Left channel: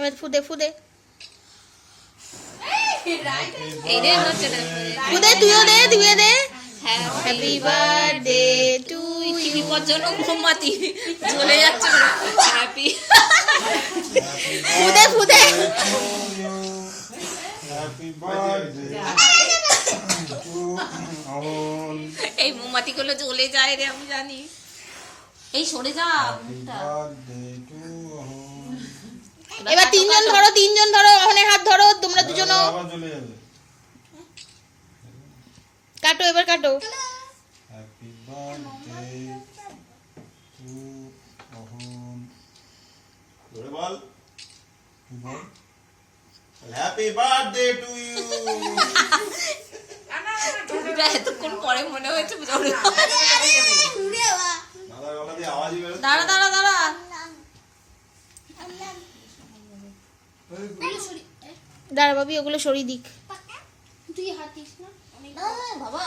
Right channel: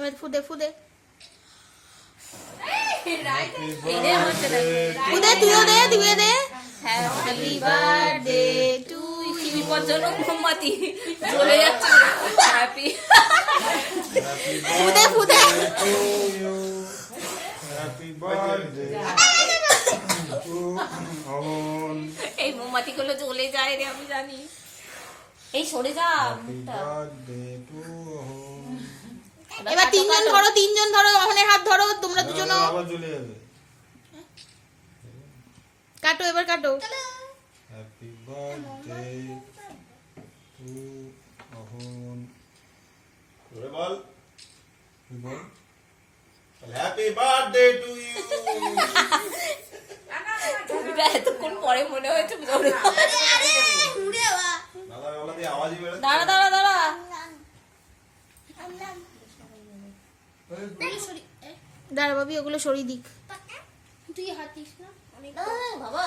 এবার ফুদে ফুদে তুইও দে happy birthday to you. মোমবাতি জ্বলে যাচ্ছে। হ্যাপি ফুদে ফুদে এই মোমবাতি গুলো জ্বলে যায় রে, আমি জানি। এই সরে যা মুখটা। এবার তিনজন ধরো অহনের হাত ধরো, তোমরা দুজনও কাটো, এবার কাটো। হ্যাপি বার্থডে টু অহন। জোরে বল, হ্যাপি বার্থডে টু ইউ। এতক্ষণ পরে মনে হয়েছে জোরে। দাদার গলা দিয়ে আওয়াজই বেরোচ্ছে। দাঁড়া দাঁড়া দাঁড়া, দাঁড়া বাবি, ওগুলো সরিয়ে দিক। বাবা।